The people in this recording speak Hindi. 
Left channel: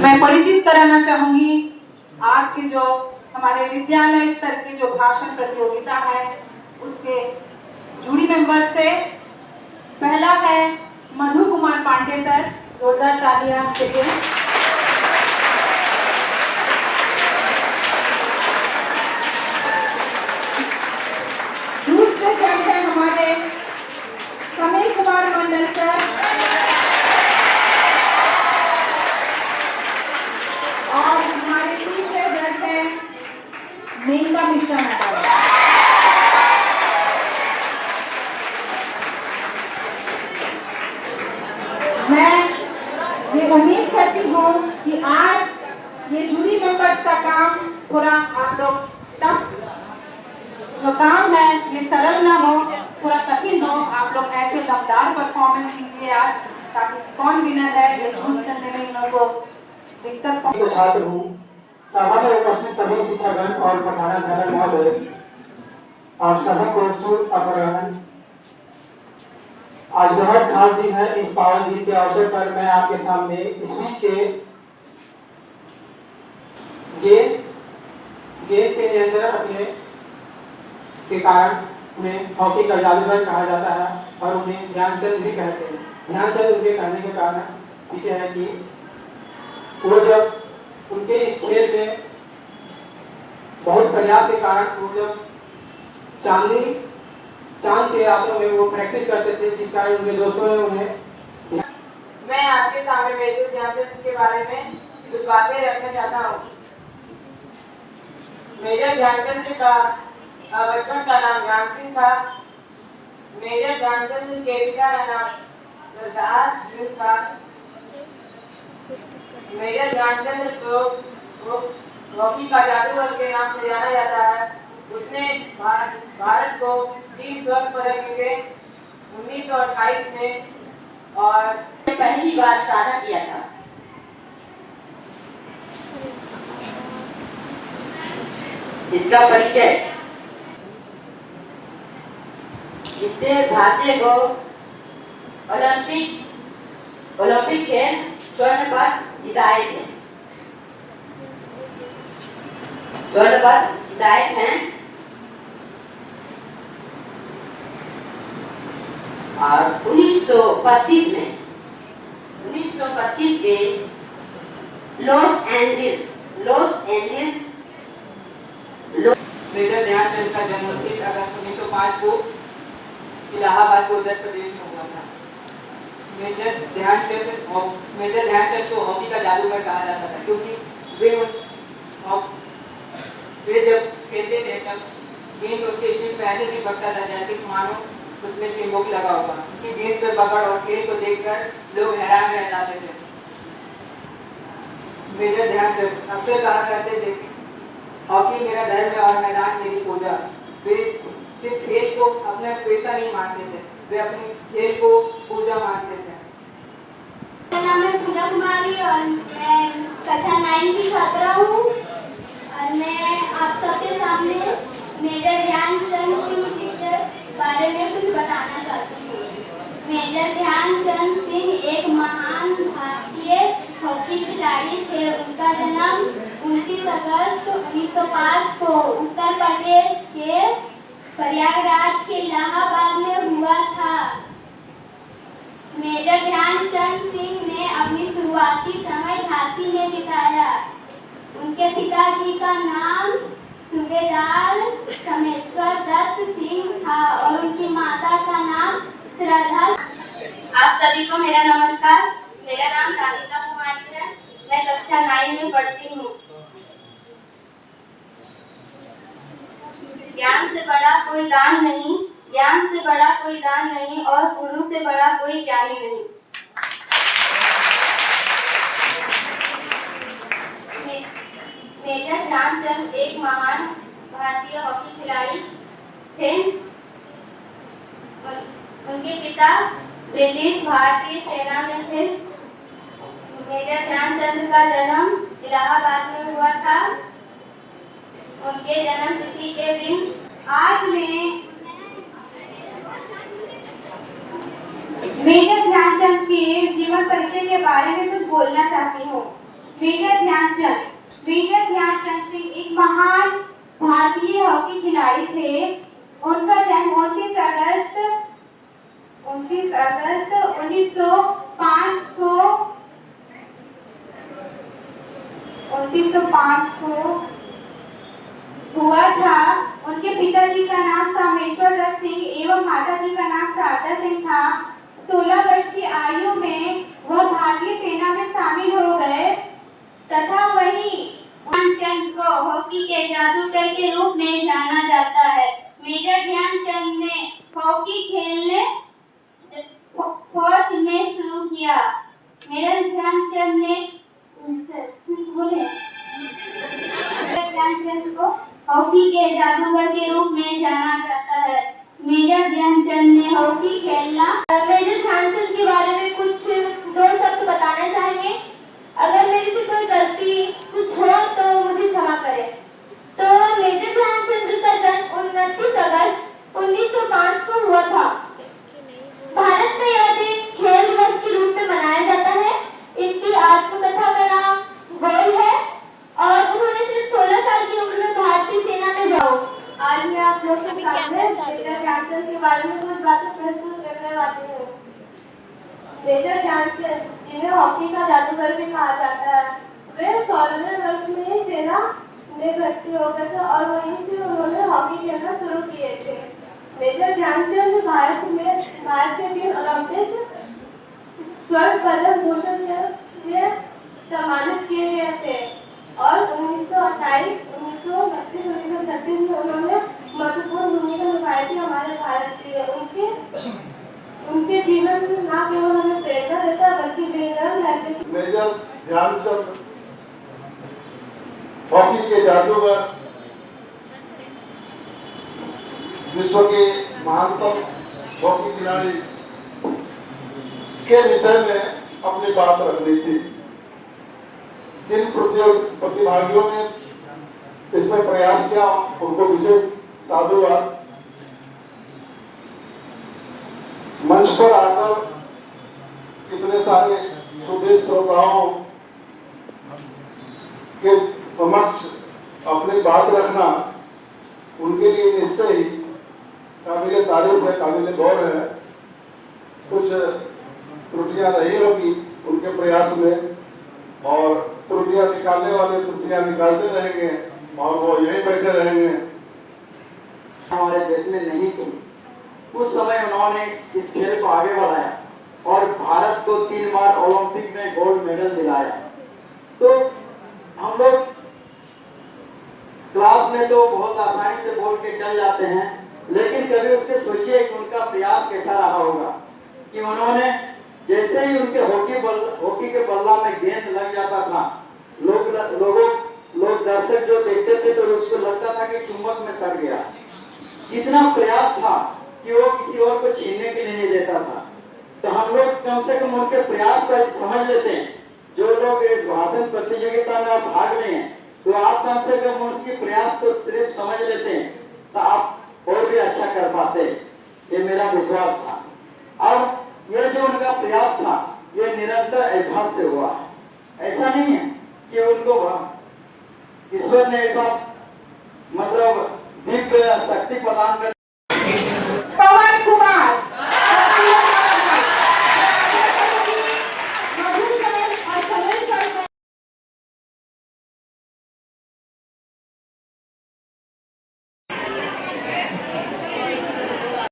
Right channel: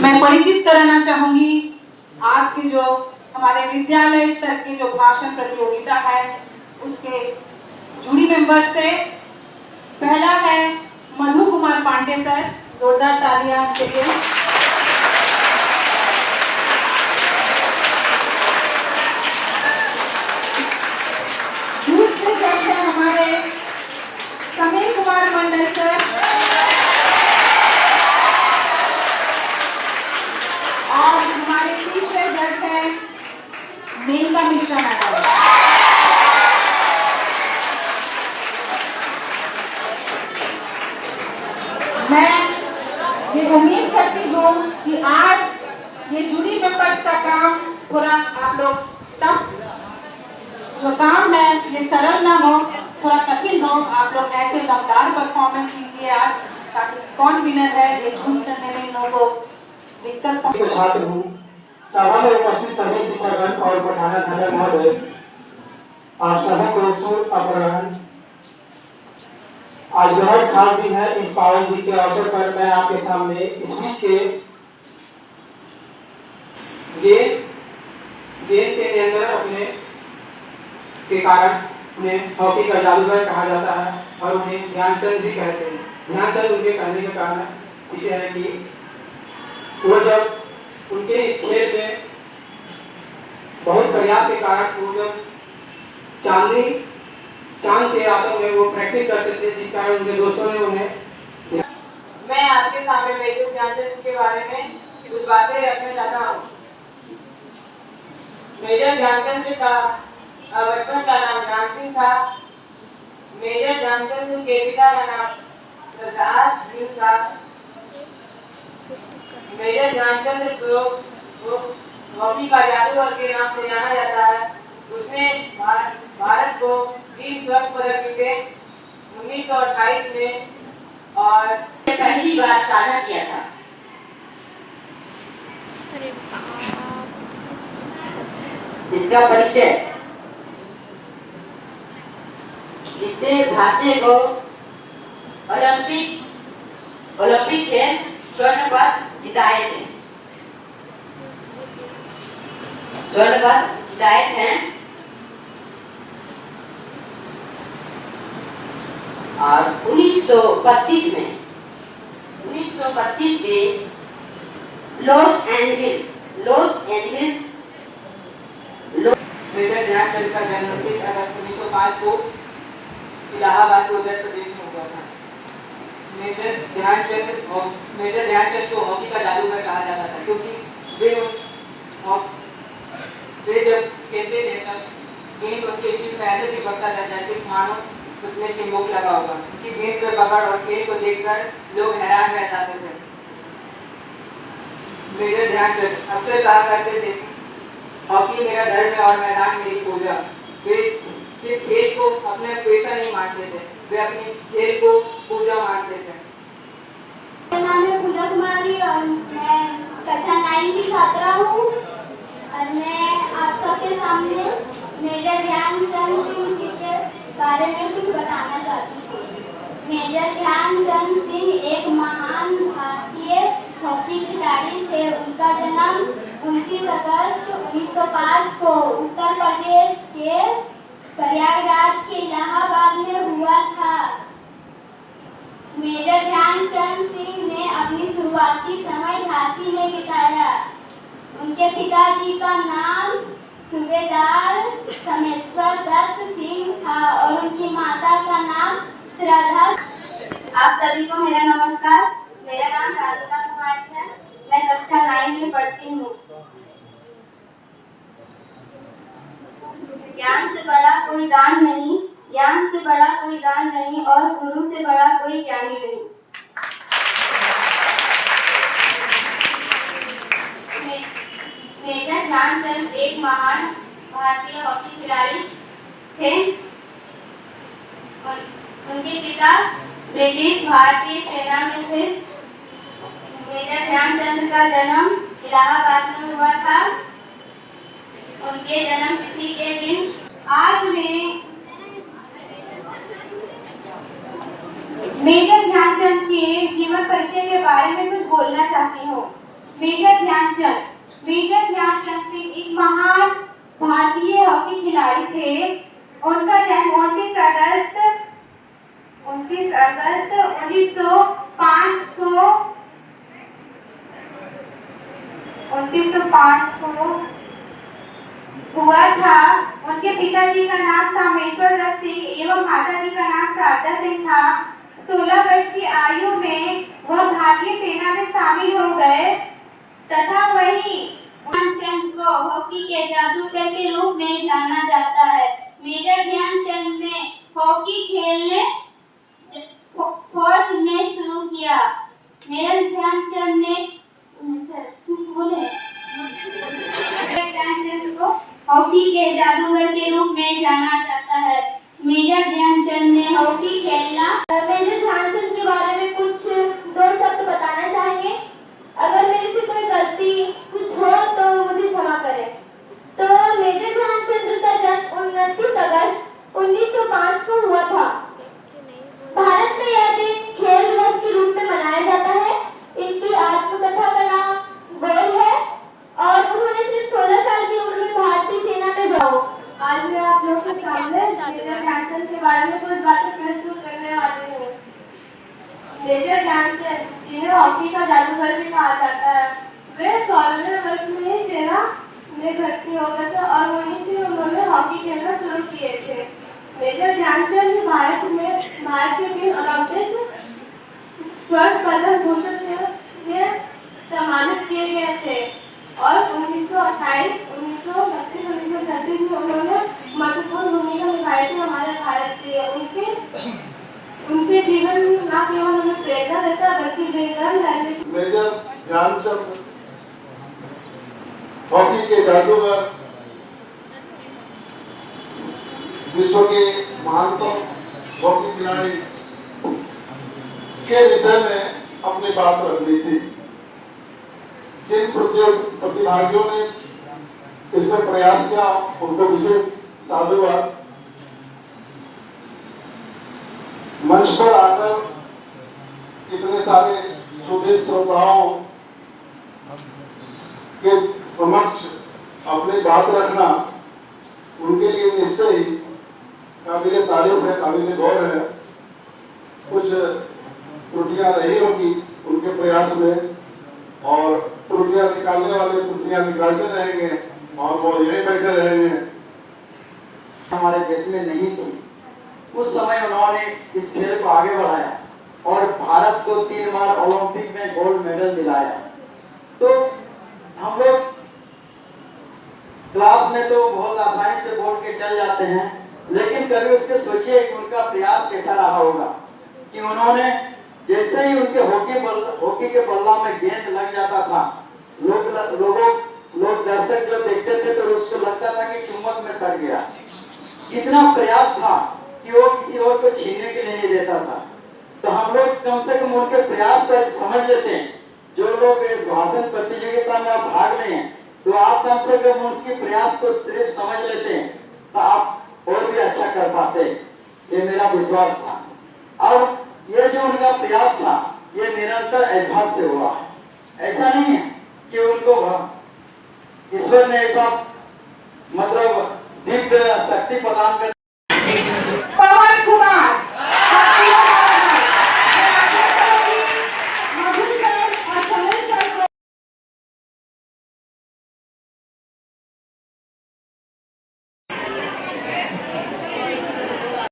मैं परिचित कराना चाहूंगी आज की जो हमारे विद्यालय स्तर की जो भाषण प्रतियोगिता है उसके जूरी मेंबर से। पहला है मधु कुमार पांडे सर, जोरदार तालियां के लिए। दूसरे जज हैं हमारे समीर कुमार मंडल सर और हमारे तीसरे जज हैं मेनका मिश्रा मैडम। मैं ये उम्मीद करती हूँ कि आज ये जूरी मेंबर्स का काम थोड़ा आप लोग टफ जो काम है ये सरल ना हो, थोड़ा कठिन हो। आप लोग ऐसे दमदार परफॉर्मेंस कीजिए आज, ताकि कौन विनर है ये चूज करने में इन लोगों को दिक्कत। छात्र हूँ, सभा में उपस्थित सभी शिक्षकगण और पठानाध्यक्ष महोदय, आप सभी को शुभ अपराह्न। आज बहुत खास दिन है। इस पावन दिन के अवसर पर मैं आपके सामने स्पीच गेम के नियंत्रण अपने के कारण उन्हें हॉकी का जादूगर कहा जाता है और उन्हें ध्यानचंद भी कहते हैं। ध्यानचंद उनके कहने का कारण इसे है कि वो जब उनके इस खेल में बहुत प्रयास के कारण वो जब चांद के रातों में वो प्रैक्टिस करते थे, जिस कारण उनके दोस्तों ने उन्हें। मैं आपके सामने मेजर ध्यानचंद के बारे में कुछ बातें रखना चाहता हूँ। मेजर ध्यानचंद का बचपन का नाम ज्ञान सिंह था। मेजर ध्यानचंद के पिता का नाम सरदार सिंह था। मेजर ध्यानचंद को हॉकी का जादूगर के नाम से जाना जाता है। उसने भारत को 3 स्वर्ण पदक मिले 1928 में और पहली बार साझा किया था। इसका परिचय इससे भारतीय को ओलंपिक के स्वर्ण पदक जिताए थे। और 1931 के लॉस एंजल्स मेजर ध्यानचंद का जन्म 30 अगस्त 1905 को इलाहाबाद को उत्तर प्रदेश में हुआ था। मेजर ध्यानचंद को हॉकी का जादूगर कहा जाता था, क्योंकि वे जब खेलते थे तब गेंद उनके स्टिक में ऐसे चिपकता था जैसे मानो उसमें चिंबुक लगा होगा। उनकी गेंद पे पकड़ और खेल को देखकर लोग हैरान रह जाते थे। मेजर ध्यानचंद अक्सर कहा करते थे, हॉकी मेरा धर्म है और मैदान मेरी पूजा। वे सिर्फ खेल को अपना पेशा नहीं मानते थे, वे अपने खेल को पूजा मानते थे। मेरा नाम है पूजा कुमारी और मैं कक्षा 9 की छात्रा हूँ और मैं आप सबके सामने मेजर ध्यानचंद सिंह के बारे में कुछ बताना चाहती हूँ। मेजर ध्यानचंद सिंह एक महान भारतीय हॉकी खिलाड़ी थे। उनका जन्म 29 अगस्त 1905 को उत्तर प्रदेश के प्रयागराज के इलाहाबाद में हुआ था। मेजर ध्यानचंद सिंह ने अपनी शुरुआती समय झांसी में बिताया। उनके पिताजी का नाम सूबेदार समेश्वर दत्त सिंह था और उनकी माता का नाम श्रद्धा। आप सभी को मेरा नमस्कार। मेरा नाम राधिका कुमारी है। मैं कक्षा 9 में पढ़ती हूँ। ज्ञान से बड़ा कोई दान नहीं और गुरु से बड़ा कोई ज्ञानी नहीं। मेजर ध्यानचंद एक महान भारतीय हॉकी खिलाड़ी थे। उनके पिता ब्रिटिश भारतीय सेना में थे। मेजर ध्यानचंद का जन्म इलाहाबाद में हुआ था। उनके जन्म तिथि के दिन आज मैं मेजर ध्यानचंद के जीवन परिचय के बारे में कुछ बोलना चाहती हूँ। मेजर ध्यानचंद सिंह एक महान भारतीय हॉकी खिलाड़ी थे। उनका जन्म 29 अगस्त 1905 को हुआ था। उनके पिताजी का नाम सामेश्वर दत्त सिंह एवं माताजी का नाम शारदा सिंह था। 16 वर्ष की आयु में वह भारतीय सेना में शामिल हो गए तथा वहीं ध्यानचंद को हॉकी के जादूगर के रूप में जाना जाता है। मेजर ध्यानचंद ने हॉकी खेलने फौज में शुरू किया। मेजर ध्यानचंद को हॉकी के जादूगर के रूप में जाना जाता है। मेजर ध्यानचंद ने हॉकी खेलना। मेजर ध्यानचंद के बारे में कुछ दो शब्द बताना चाहेंगे। अगर मेरे से कोई गलती कुछ हो तो मुझे क्षमा करें। तो मेजर ध्यानचंद का जन्म 29 अगस्त 1905 को हुआ था। भारत में यह दिन खेल दिवस के रूप में मनाया जाता है। इनकी आत्मकथा का नाम गोल है और उन्होंने सिर्फ 16 साल की उम्र में भारतीय सेना में जाओ। आज मैं आप लोग के सामने मेजर ध्यानचंद के बारे में कुछ बातें प्रस्तुत करने वाली हूँ। मेजर ध्यानचंद, जिन्हें हॉकी का जादूगर भी कहा जाता है, वे 16वें वर्ष में ही सेना में भर्ती हो गए थे और वहीं से उन्होंने हॉकी खेलना शुरू किए थे। मेजर ध्यानचंद भारत के 3 ओलंपिक स्वर्ण पदक भूषण से सम्मानित किए गए थे और 1928, 1932, 1936 में उन्होंने महत्वपूर्ण भूमिका निभाई थी हमारे भारत की। उनके जीवन न केवल हमें प्रेरणा देता बल्कि मेजर ध्यानचंद हॉकी के जादूगर, विश्व के महानतम हॉकी खिलाड़ी के विषय में अपनी बात रखनी थी। जिन प्रतिभागियों ने इसमें प्रयास किया उनको विशेष साधुवाद। मंच पर आकर इतने सारे सुधीर श्रोताओं के समक्ष अपनी बात रखना उनके लिए निश्चय ही काबिल तारीफ है, काबिल गौर है। कुछ त्रुटियां रही होगी उनके प्रयास में और त्रुटियां निकालने वाले त्रुटियां निकालते रहेंगे और वो यहीं बैठे रहेंगे। हमारे देश में नहीं थी उस समय उन्होंने इस खेल को आगे बढ़ाया और भारत को 3 बार ओलंपिक में गोल्ड मेडल दिलाया। तो हम लोग क्लास में तो बहुत आसानी से बोल के चल जाते हैं, लेकिन कभी उसके सोचिए कि उनका प्रयास कैसा रहा होगा कि उन्होंने जैसे ही उनके हॉकी के बल्ला में गेंद लग जाता था, लोग दर्शक जो देखते थे तो उसको लगता था कि चुंबक में सड़ गया। इतना प्रयास था कि वो किसी और को छीनने के लिए नहीं देता था। तो हम लोग कम से कम उनके प्रयास को समझ लेते हैं। जो लोग इस भाषण प्रतियोगिता में आप भाग रहे हैं तो आप कम से कम उसके प्रयास को सिर्फ समझ लेते हैं तो आप और भी अच्छा कर पाते। ये मेरा विश्वास था और ये जो उनका प्रयास था ये निरंतर अभ्यास से हुआ। ऐसा नहीं है कि उनको ईश्वर ने ऐसा मतलब दिव्य शक्ति प्रदान कर